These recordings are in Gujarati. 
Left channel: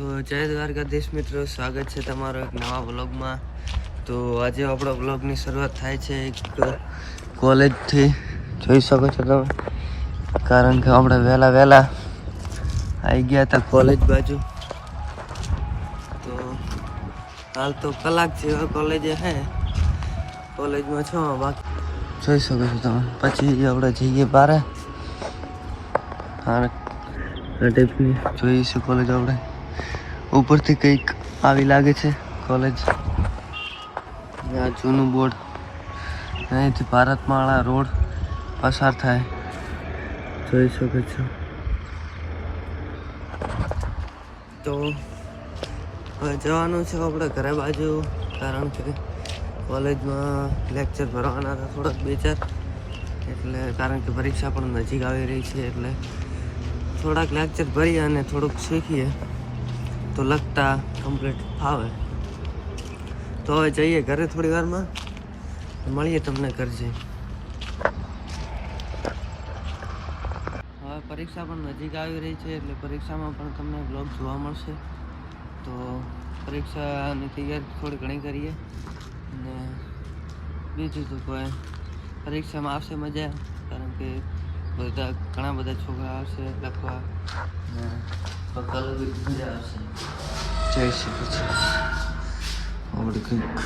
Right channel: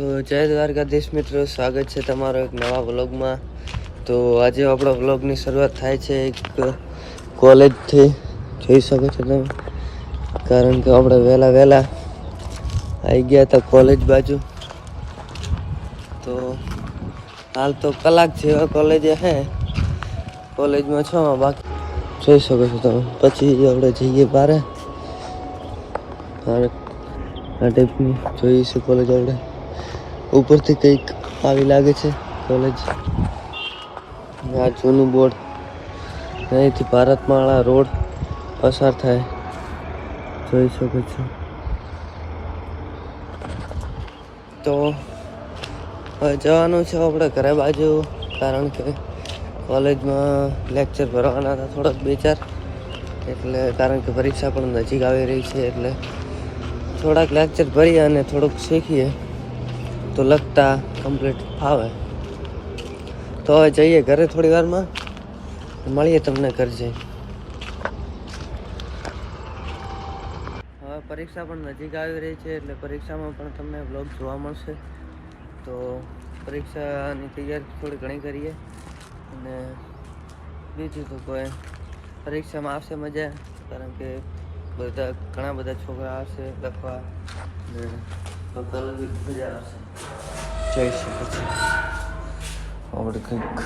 તો જય દ્વારકાધીશ મિત્રો, સ્વાગત છે તમારો એક નવા વ્લોગમાં। તો આજે આપણો વ્લોગની શરૂઆત થાય છે એક કોલેજથી, જોઈ શકો છો તમે, કારણ કે આપણે વહેલા આવી ગયા હતા કોલેજ બાજુ। તો હાલ તો કલાક જેવા કોલેજે હે, કોલેજમાં છો બાકી જોઈ શકો છો તમે। પછી આપણે જઈએ બારે, આ ટાઈપની જોઈશું કોલેજ। આપણે ઉપરથી કંઈક આવી લાગે છે કોલેજ। આ જૂનું બોર્ડ, અહીંથી ભારતમાળા રોડ પસાર થાય, જોઈ શકો છો। તો હવે જવાનું છે આપણે ઘરે બાજુ, કારણ કે કોલેજમાં લેક્ચર ભરવાના હતા થોડાક 2-4, એટલે કારણ કે પરીક્ષા પણ નજીક આવી રહી છે, એટલે થોડાક લેક્ચર ભરીએ અને થોડુંક શીખીએ તો લખતા કમ્પ્લીટ ફાવે। તો હવે જઈએ ઘરે, થોડી વારમાં મળીએ તમને ઘર જઈ। હવે પરીક્ષા પણ નજીક આવી રહી છે, એટલે પરીક્ષામાં પણ તમને વ્લોગ જોવા મળશે। તો પરીક્ષાની તૈયારી થોડી ઘણી કરીએ, અને બીજું તો કોઈ પરીક્ષામાં આવશે મજા, કારણ કે ઘણા બધા છોકરા આવશે લખવા, તો કલર મજા આવશે। જઈ શકો છો આપણે કંઈક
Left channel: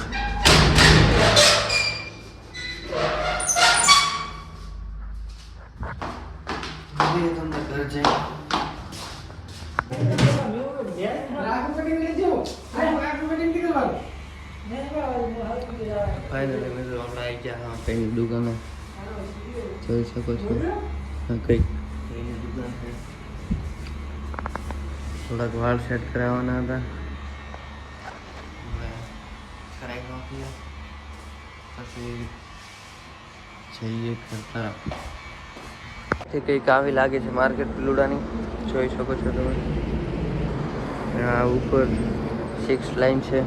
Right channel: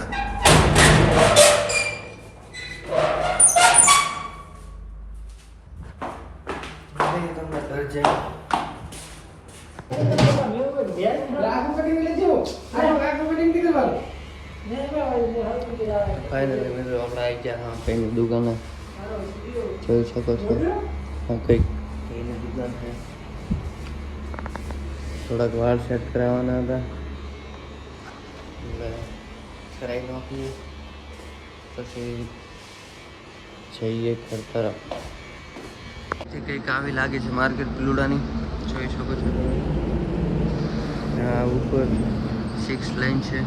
તમને ઘર જઈ ફાઇનલી મિત્રો આપણે આવી ગયા હા કઈની દુકાને, જોઈ શકો છો। હા કઈની દુકાન છે, થોડાક વાળ સેટ કરાવવાના હતા, એટલે કરાવી નાખીએ, પછી જઈએ ઘર તરફ। કંઈક આવી લાગે છે માર્કેટ પિલુડાની, જોઈ શકો છો તમે। ઉપર 6 લાઈન છે।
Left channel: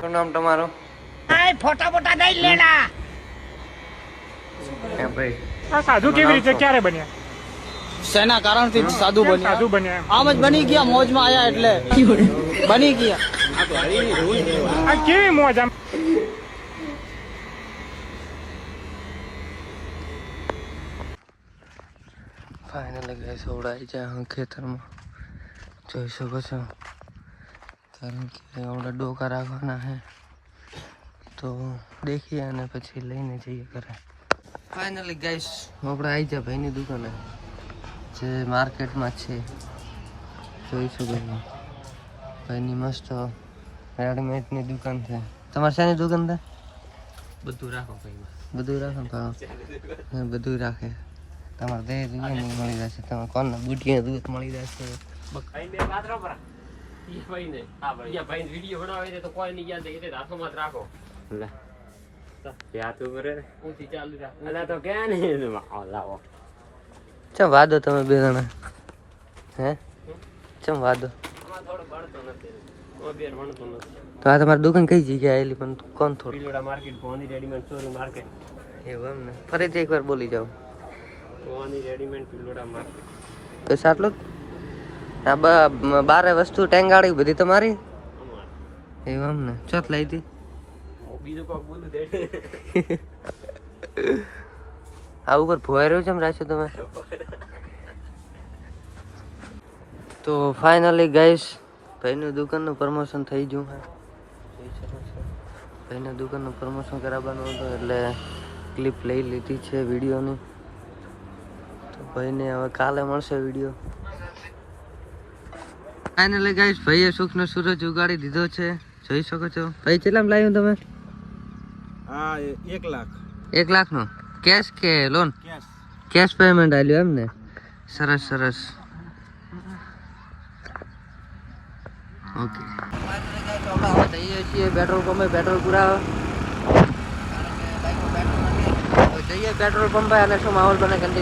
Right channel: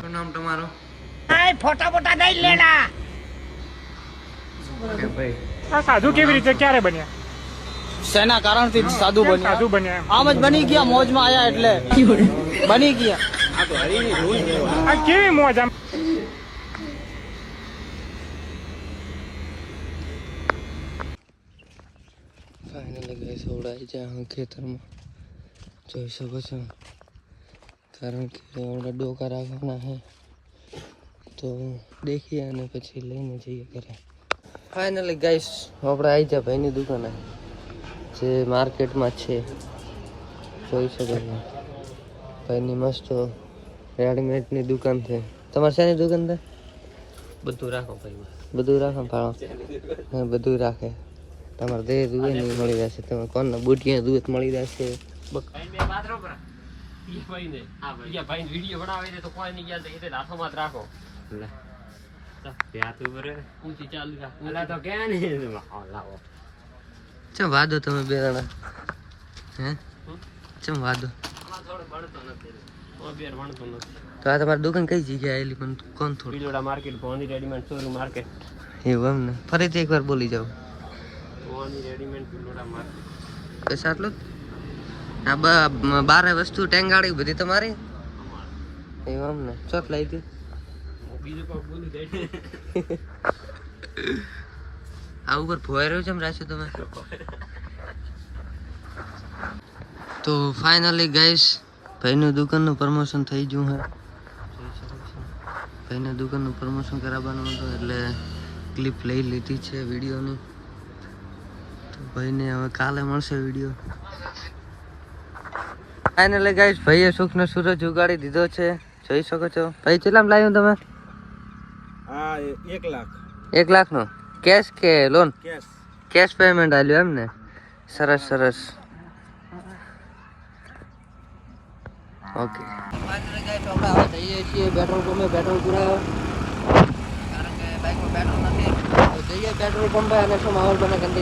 શું નામ તમારું? ફોટા ફોટા નહીં લેના। ભાઈ આ સાધુ કેવી રીતે ક્યારે બન્યા? શેના કારણથી સાધુ બન્યા? સાધુ બન્યા આમ જ બની ગયા, મોજમાં આયા એટલે બની ગયા। આ કેવી મોજ આમ? ફાઇનલી ગાઈસ ઉડાઈ જાય હું ખેતરમાં, જોઈ શકો છો, કારણ કે હમણાં ડોકા રાખવાના છે, તો દેખીએ અને પછી લઈને જઈએ ઘરે। ફાઇનલી ગાઈસ આપણે આવી જાય ભાઈની દુકાને, જે માર્કેટમાં છે, જોઈ શકો છો। ભાઈની મસ્ત રેડીમેડની દુકાન છે। તમારે શાની દુકાન છે? બધું રાખો ભાઈ, બધું રાખો ભાડો, બધું રાખે। તમારે દે દુએ નહીં મળી જશે, તમે કોણ બુટિયા દૂધ મળી જશે। ચમ વાદો તમે બે જણા, હે ચમ વાદો? તો આ તમારી દુકાન કઈ જગ્યાએ આવેલી, પણ કોણ થોડું માર્કેટ ભવાની રેડીમેડ ચોરી માર્કેટ એવું એમ ને? ફરીથી એકવાર બોલી જાઓ। ભવાની રેડીમેડ પિલોડા માર્કેટ બસ આટલું જ? આ બારે વસ્તુ ટેંગાડી બધી તમારી? એવું એમ ને? ચોથ લઈ હતી? બીજું કોઈ બોલું દે આ ઉપર ભોય રહ્યો છે એમ રાખ્યો તમે? તો ફાઇનલી ગાઈસ ભાઈનું દુકાનનું પ્રમોશન થઈ ગયું છે, જોઈ શકો છો। ભાઈના દુકાનનું પ્રમોશન કરાવવાનું હતું, એટલે ક્લિપ લઈ લીધી છે વિડીયોની। તો ભાઈને હવે કાલે મળશે વિડીયો। ફાઇનલી ગાઈસ ભાઈએ સુખનો સૂરજ ઉગાડી દીધો છે, જોઈ શકો છો। ભાઈ કેટલામાં લાવ્યું તમે? હા 1 લાખ। 1 લાખનો કેશ કે લોન? કેશ। કેશ પેમેન્ટ આલ્યું એમ ને? સરસ સરસ, ઓકે। આપણે જઈએ છીએ પેટ્રોલ પંપે પેટ્રોલ પુરાવા, કારણ કે બાઈકમાં પેટ્રોલ નથી, તો જઈએ પેટ્રોલ પંપે અને શું માહોલ બને કંટિન્યુ